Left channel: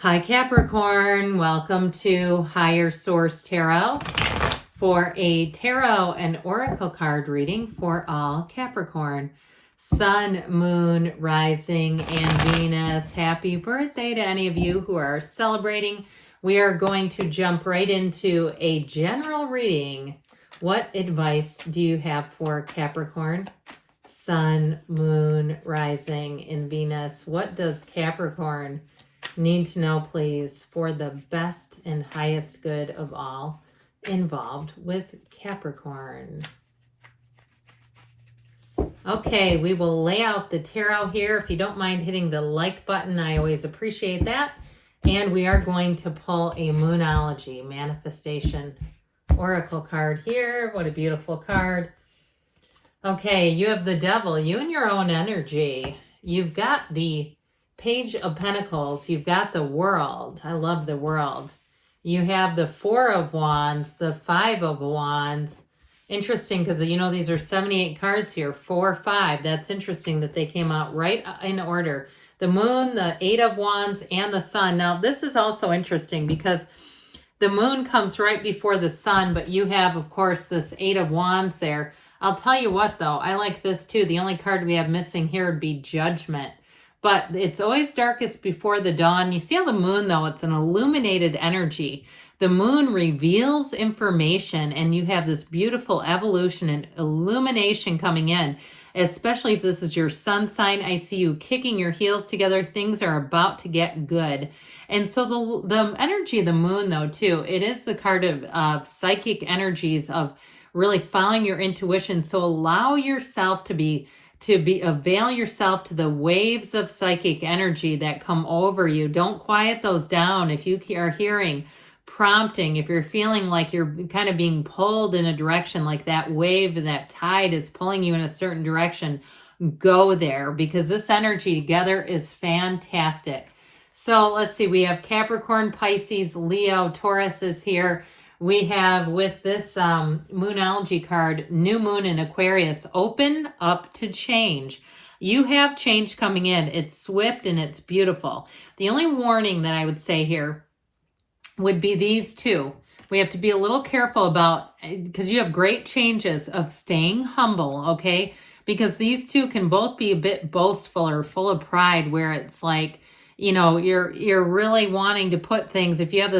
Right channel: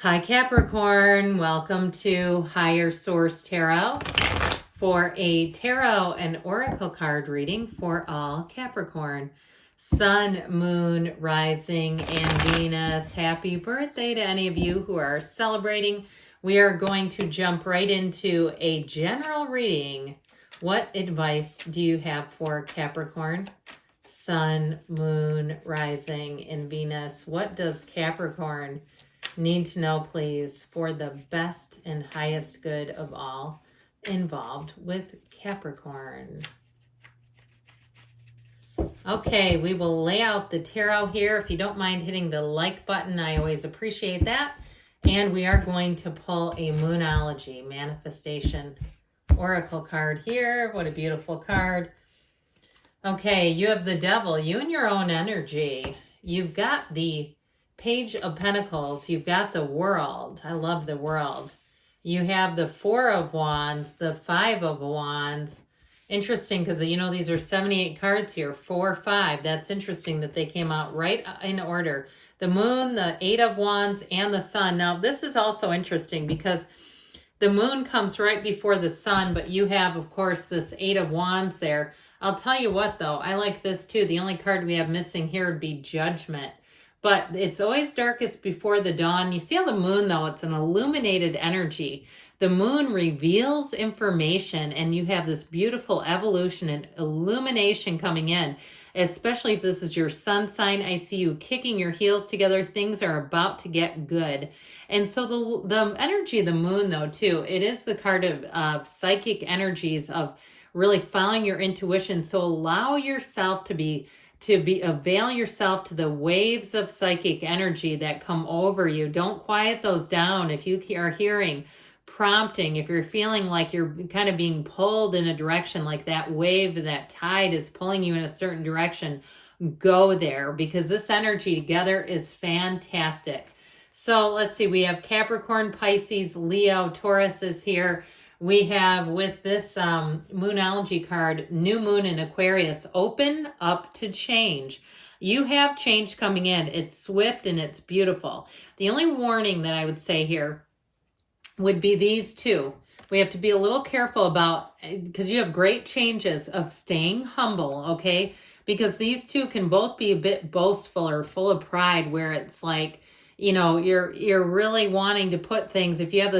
Hi Capricorn, welcome to Higher Source Tarot for a tarot and oracle card reading for all Capricorn. Sun, Moon, Rising, and Venus. Happy birthday to any of you who are celebrating. We are going to jump right into a general reading. What advice do you have for Capricorn? Sun, Moon, Rising, and Venus. What does Capricorn need to know, please, for the best and highest good of all involved with Capricorn? Okay, we will lay out the tarot here. If you don't mind hitting the like button, I always appreciate that. And we are going to pull a Moonology Manifestation Oracle card here. What a beautiful card. Okay, you have the Devil, you and your own energy. You've got the Page of Pentacles. You've got the World. I love the World. You have the Four of Wands, the Five of Wands. Interesting because, you know, these are 78 cards here. 4, 5. That's interesting that they came out right in order. The Moon, the Eight of Wands, and the Sun. Now, this is also interesting because the Moon comes right before the Sun, but you have, of course, this Eight of Wands there. I'll tell you what, though. I like this, too. The only card we have missing here would be Judgment. But it's always darkest before the dawn. You see how the moon, though, it's an illuminated energy. The moon reveals information, and you have this beautiful evolution and illumination coming in, especially if this is your sun sign. I see you kicking your heels together. Things are about to get good. And so the energy of the moon, though, too, it is the card of psychic energies, of really following your intuition. So allow yourself to avail yourself to the waves of psychic energy that come over you. Don't quiet those down. If you are hearing prompting, if you're feeling like you're kind of being pulled in a direction, like that wave, that tide is pulling you in a certain direction, go there, because this energy together is fantastic. So let's see, we have Capricorn, Pisces, Leo, Taurus is here. We have, with this Moonology card, New Moon in Aquarius, open up to change. You have change coming in. It's swift and it's beautiful. The only warning that I would say here would be these two. We have to be a little careful about, because you have great changes, of staying humble, okay? Because these two can both be a bit boastful or full of pride, where it's like, you know, you're really wanting to put things, if you have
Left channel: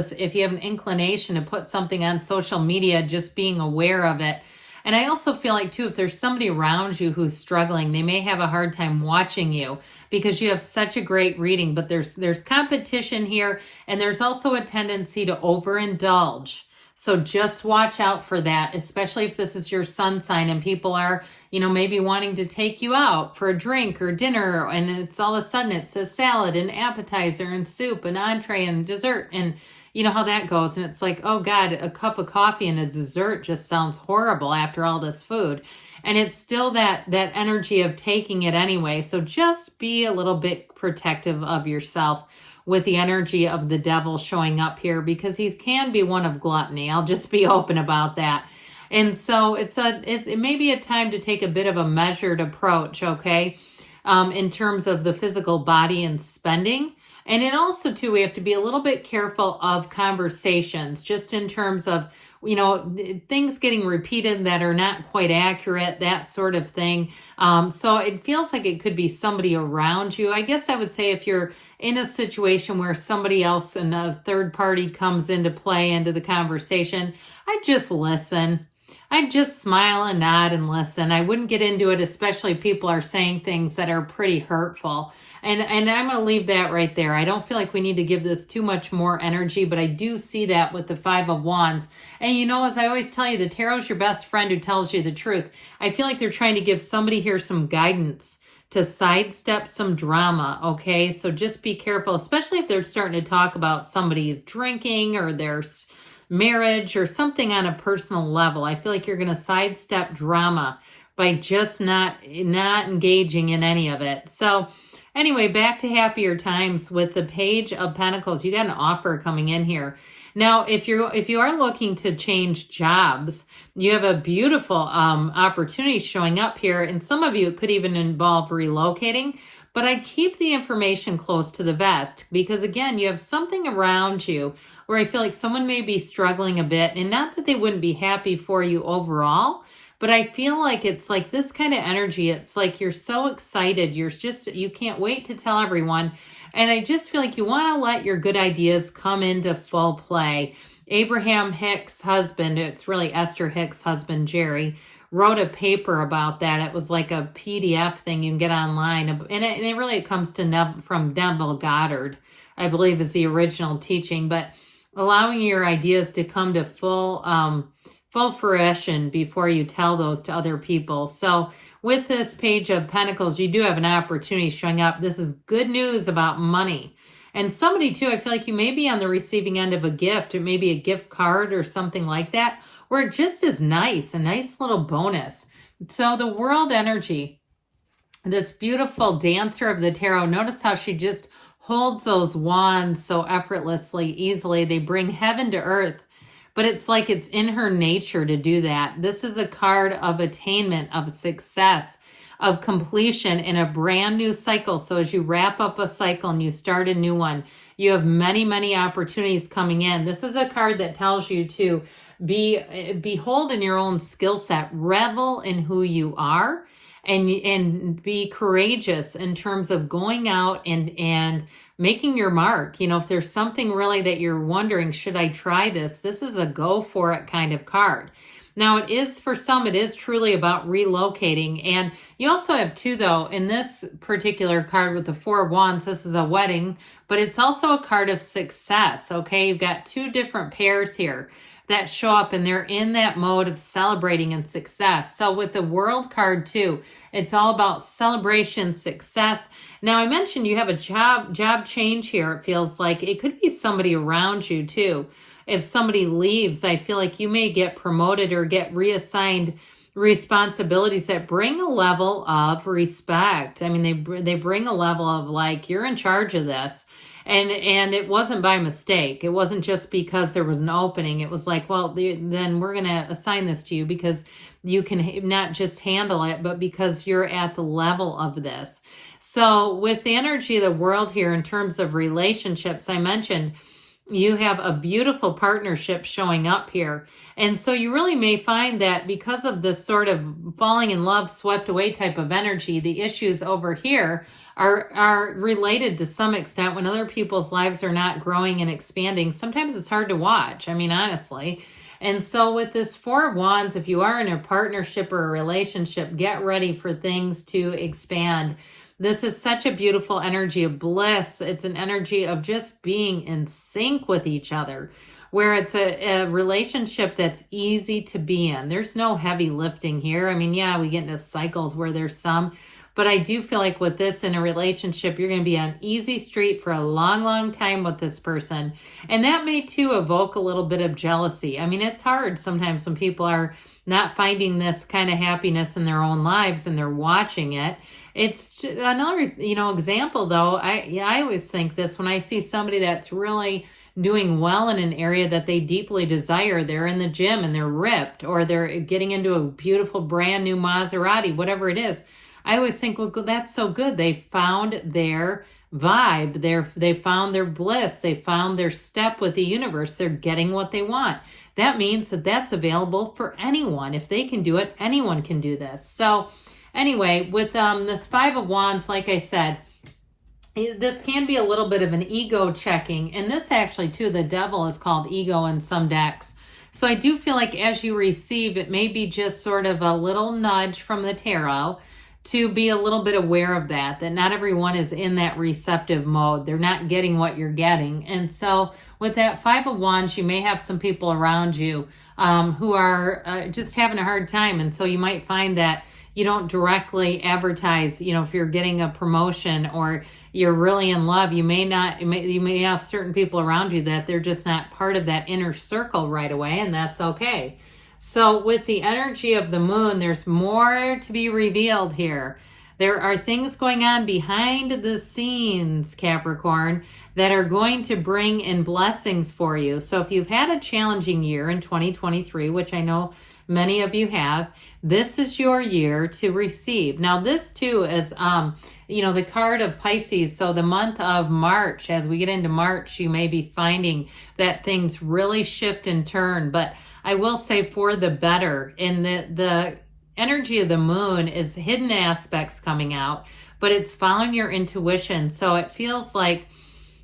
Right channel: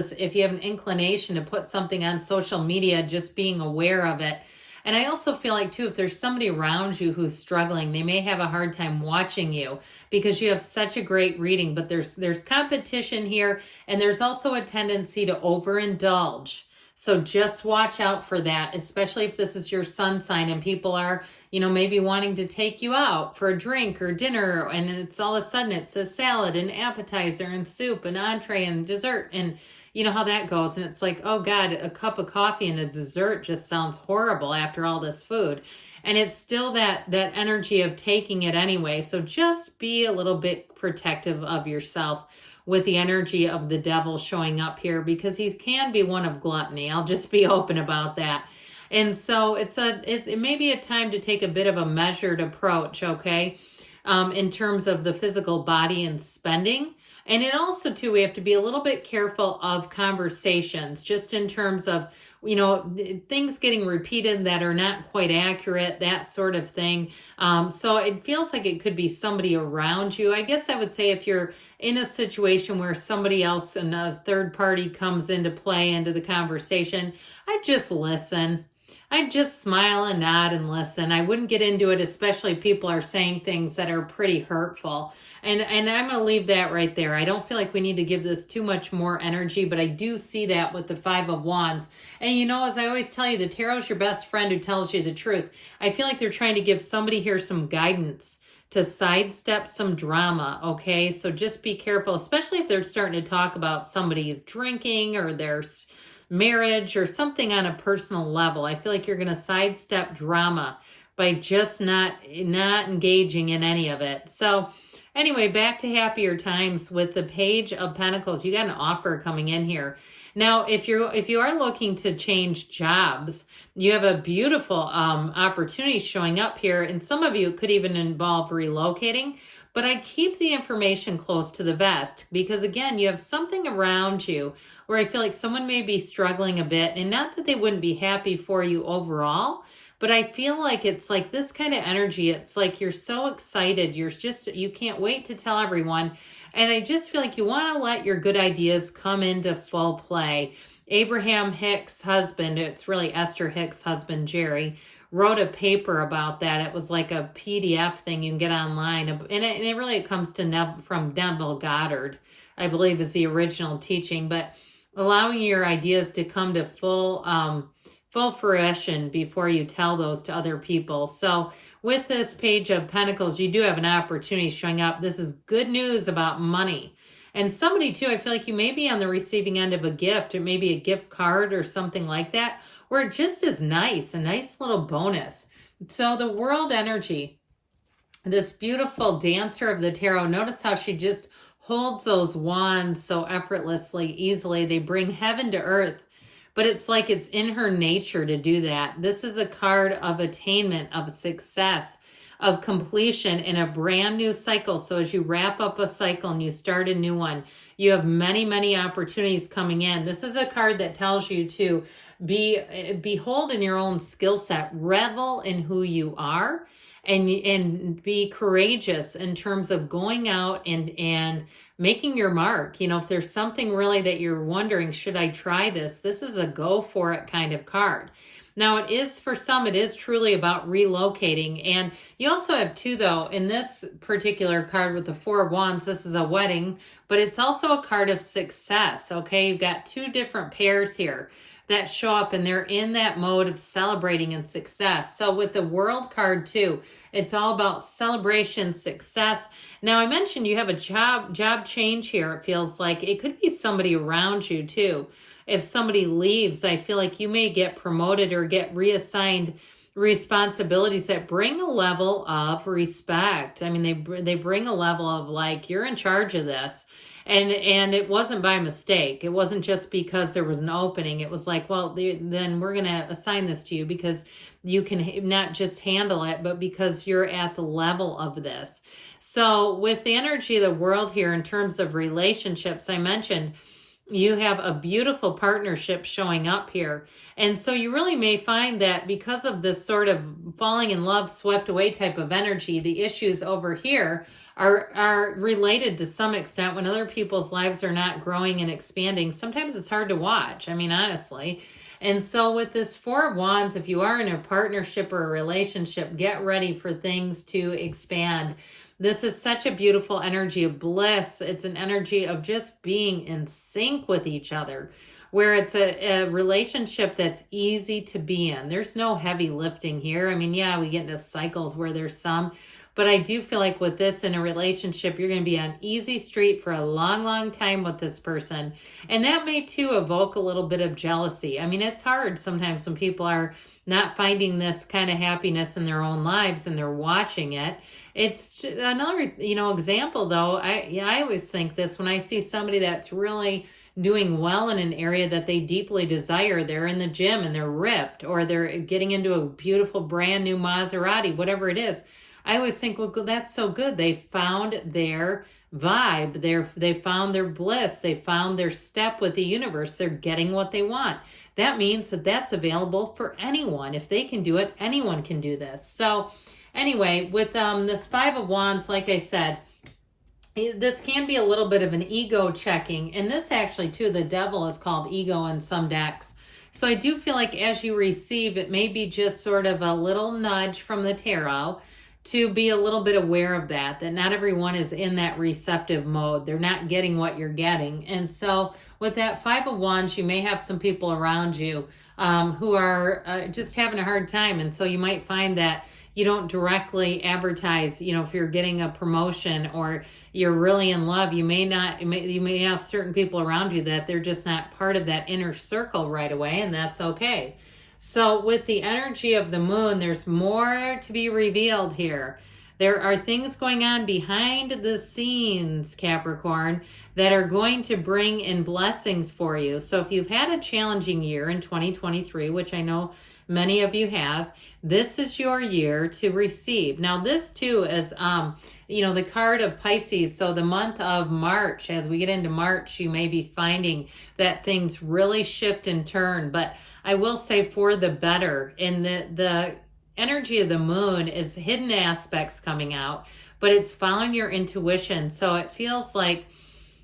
an inclination to put something on social media, just being aware of it. And I also feel like, too, if there's somebody around you who's struggling, they may have a hard time watching you because you have such a great reading. But there's competition here, and there's also a tendency to overindulge. So just watch out for that, especially if this is your sun sign and people are, you know, maybe wanting to take you out for a drink or dinner, and it's all of a sudden it's a salad and appetizer and soup and entree and dessert, and you know how that goes. And it's like, oh God, a cup of coffee and a dessert just sounds horrible after all this food. And it's still that energy of taking it anyway. So just be a little bit protective of yourself with the energy of the Devil showing up here, because he can be one of gluttony. I'll just be open about that. And so it may be a time to take a bit of a measured approach, okay, in terms of the physical body and spending. And it also, too, we have to be a little bit careful of conversations, just in terms of, you know, things getting repeated that are not quite accurate, that sort of thing. So it feels like it could be somebody around you. I guess I would say if you're in a situation where somebody else and a third party comes into play into the conversation, I'd just listen. I'd just smile and nod and listen. I wouldn't get into it, especially if people are saying things that are pretty hurtful. And I'm going to leave that right there. I don't feel like we need to give this too much more energy, but I do see that with the Five of Wands. And you know, as I always tell you, the tarot's your best friend who tells you the truth. I feel like they're trying to give somebody here some guidance to sidestep some drama, okay? So just be careful, especially if they're starting to talk about somebody's drinking or their marriage or something on a personal level. I feel like you're going to sidestep drama by just not engaging in any of it. So anyway, back to happier times with the Page of Pentacles. You got an offer coming in here. Now, if you are looking to change jobs, you have a beautiful opportunity showing up here. And some of you, it could even involve relocating. But I keep the information close to the vest because, again, you have something around you where I feel like someone may be struggling a bit, and not that they wouldn't be happy for you overall, but I feel like it's like this kind of energy. It's like you're so excited. You can't wait to tell everyone. And I just feel like you want to let your good ideas come into full play. Abraham Hicks' husband, it's really Esther Hicks' husband, Jerry, wrote a paper about that. It was like a PDF thing you can get online. And it really comes to from Neville Goddard, I believe, is the original teaching. But allowing your ideas to come to full fruition before you tell those to other people. So with this Page of Pentacles, you do have an opportunity showing up. This is good news about money. And somebody too, I feel like you may be on the receiving end of a gift, or maybe a gift card or something like that, where it just is nice, a nice little bonus. So the world energy, this beautiful dancer of the tarot, notice how she just holds those wands so effortlessly, easily. They bring heaven to earth, but it's like it's in her nature to do that. This is a card of attainment, of success, of completion in a brand new cycle. So as you wrap up a cycle and you start a new one, you have many, many opportunities coming in. This is a card that tells you to behold in your own skill set, revel in who you are, and be courageous in terms of going out and making your mark. You know, if there's something really that you're wondering, should I try this? This is a go for it kind of card. Now, it is, for some, it is truly about relocating. And you also have too, though, in this particular card with the Four of Wands, this is a wedding, but it's also a card of success, okay? You've got two different pairs here that show up, and they're in that mode of celebrating and success. So with the World card too, it's all about celebration, success. Now, I mentioned you have a job change here. It feels like it could be somebody around you too. If somebody leaves, I feel like you may get promoted or get reassigned responsibilities that bring a level of respect. I mean, they bring a level of like, you're in charge of this. And it wasn't by mistake. It wasn't just because there was an opening. It was like, well, then we're going to assign this to you because you can not just handle it, but because you're at the level of this. So with the energy of the world here in terms of relationships, I mentioned you have a beautiful partnership showing up here. And so you really may find that because of this sort of falling in love, swept away type of energy, the issues over here are related to some extent. When other people's lives are not growing and expanding, sometimes it's hard to watch. I mean, honestly. And so with this Four of Wands, if you are in a partnership or a relationship, get ready for things to expand. This is such a beautiful energy of bliss. It's an energy of just being in sync with each other, where it's a relationship that's easy to be in. There's no heavy lifting here. I mean, yeah, we get into cycles where there's some, but I do feel like with this in a relationship, you're going to be on easy street for a long, long time with this person. And that may too evoke a little bit of jealousy. I mean, it's hard sometimes when people are not finding this kind of happiness in their own lives and they're watching it. It's another, example though. I always think this when I see somebody that's really doing well in an area that they deeply desire. They're in the gym and they're ripped, or they're getting into a beautiful brand new Maserati, whatever it is. I always think, well, that's so good. They found their vibe. They found their bliss. They found their step with the universe. They're getting what they want. That means that that's available for anyone. If they can do it, anyone can do this. So anyway, with this Five of Wands, like I said, this can be a little bit of an ego checking. And this actually, too, the Devil is called ego in some decks. So I do feel like as you receive, it may be just sort of a little nudge from the tarot to be a little bit aware of that not everyone is in that receptive mode. They're not getting what you're getting. And so with that Five of Wands, you may have some people around you who are just having a hard time. And so you might find that you don't directly advertise, if you're getting a promotion or you're really in love, you may have certain people around you that they're just not part of that inner circle right away, and that's okay. So with the energy of the moon, there's more to be revealed here. There are things going on behind the scenes, Capricorn, that are going to bring in blessings for you. So if you've had a challenging year in 2023, which I know Many of you have. This is your year to receive. Now, this too is, the card of Pisces. So the month of March, as we get into March, you may be finding that things really shift and turn. But I will say for the better. And the energy of the moon is hidden aspects coming out, but it's following your intuition. So it feels like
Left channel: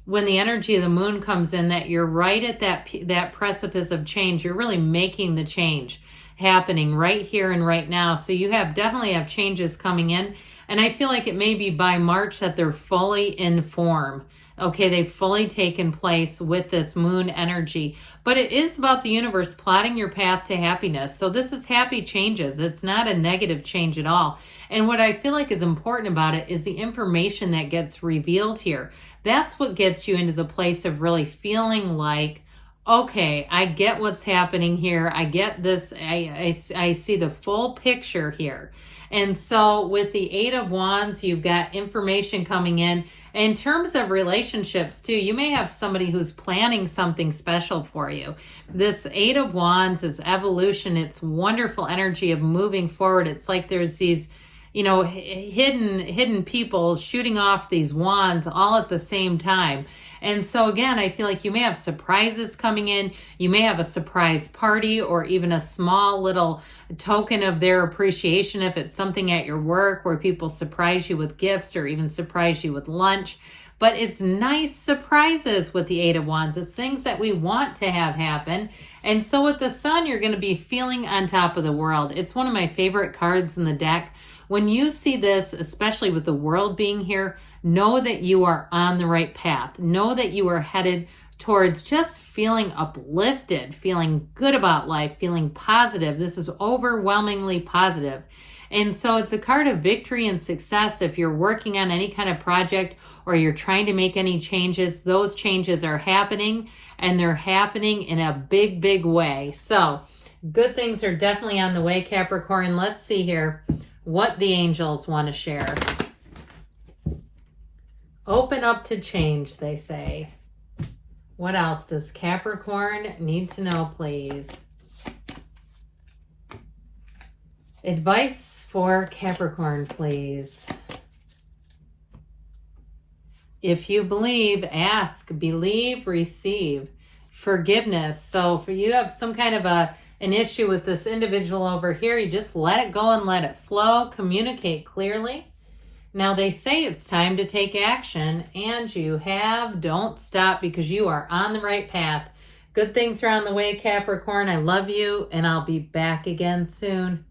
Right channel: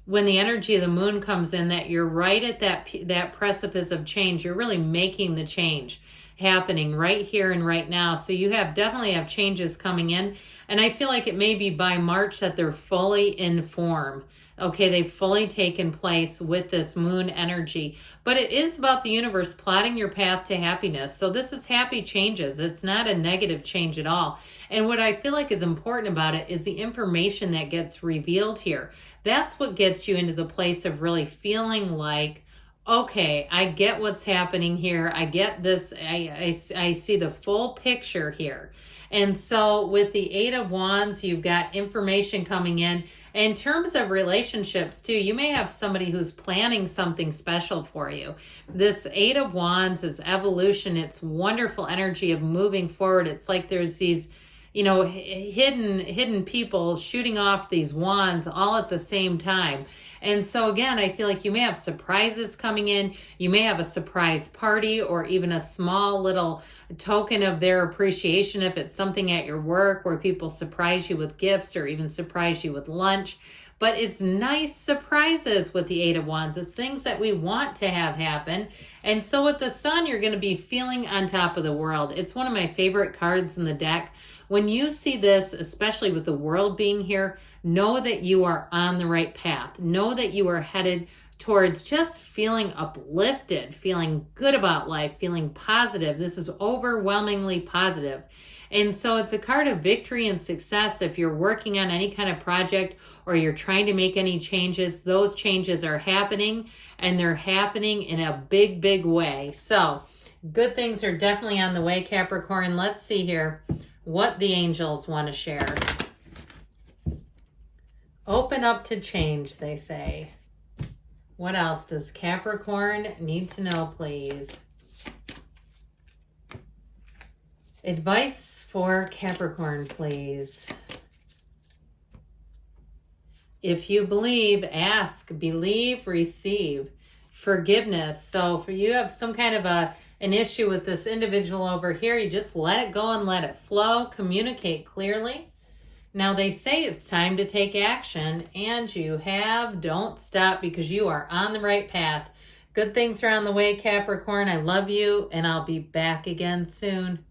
when the energy of the moon comes in, that you're right at that precipice of change. You're really making the change happening right here and right now. So you definitely have changes coming in. And I feel like it may be by March that they're fully in form. Okay, they've fully taken place with this moon energy. But it is about the universe plotting your path to happiness. So this is happy changes. It's not a negative change at all. And what I feel like is important about it is the information that gets revealed here. That's what gets you into the place of really feeling like, okay, I get what's happening here. I get this. I see the full picture here. And so with the Eight of Wands, you've got information coming in. In terms of relationships too, you may have somebody who's planning something special for you. This Eight of Wands is evolution. It's wonderful energy of moving forward. It's like there's these, hidden people shooting off these wands all at the same time. And so again, I feel like you may have surprises coming in. You may have a surprise party or even a small little token of their appreciation if it's something at your work where people surprise you with gifts or even surprise you with lunch. But it's nice surprises with the Eight of Wands. It's things that we want to have happen. And so with the Sun, you're going to be feeling on top of the world. It's one of my favorite cards in the deck. When you see this, especially with the world being here, know that you are on the right path. Know that you are headed towards just feeling uplifted, feeling good about life, feeling positive. This is overwhelmingly positive. And so it's a card of victory and success. If you're working on any kind of project or you're trying to make any changes, those changes are happening, and they're happening in a big, big way. So good things are definitely on the way, Capricorn. Let's see here what the angels want to share. Open up to change, they say. What else does Capricorn need to know, please? Advice for Capricorn, please. If you believe, ask, believe, receive. Forgiveness. So for you have some kind of an issue with this individual over here, you just let it go and let it flow. Communicate clearly. Now they say it's time to take action, and you have. Don't stop, because you are on the right path. Good things are on the way, Capricorn. I love you, and I'll be back again soon.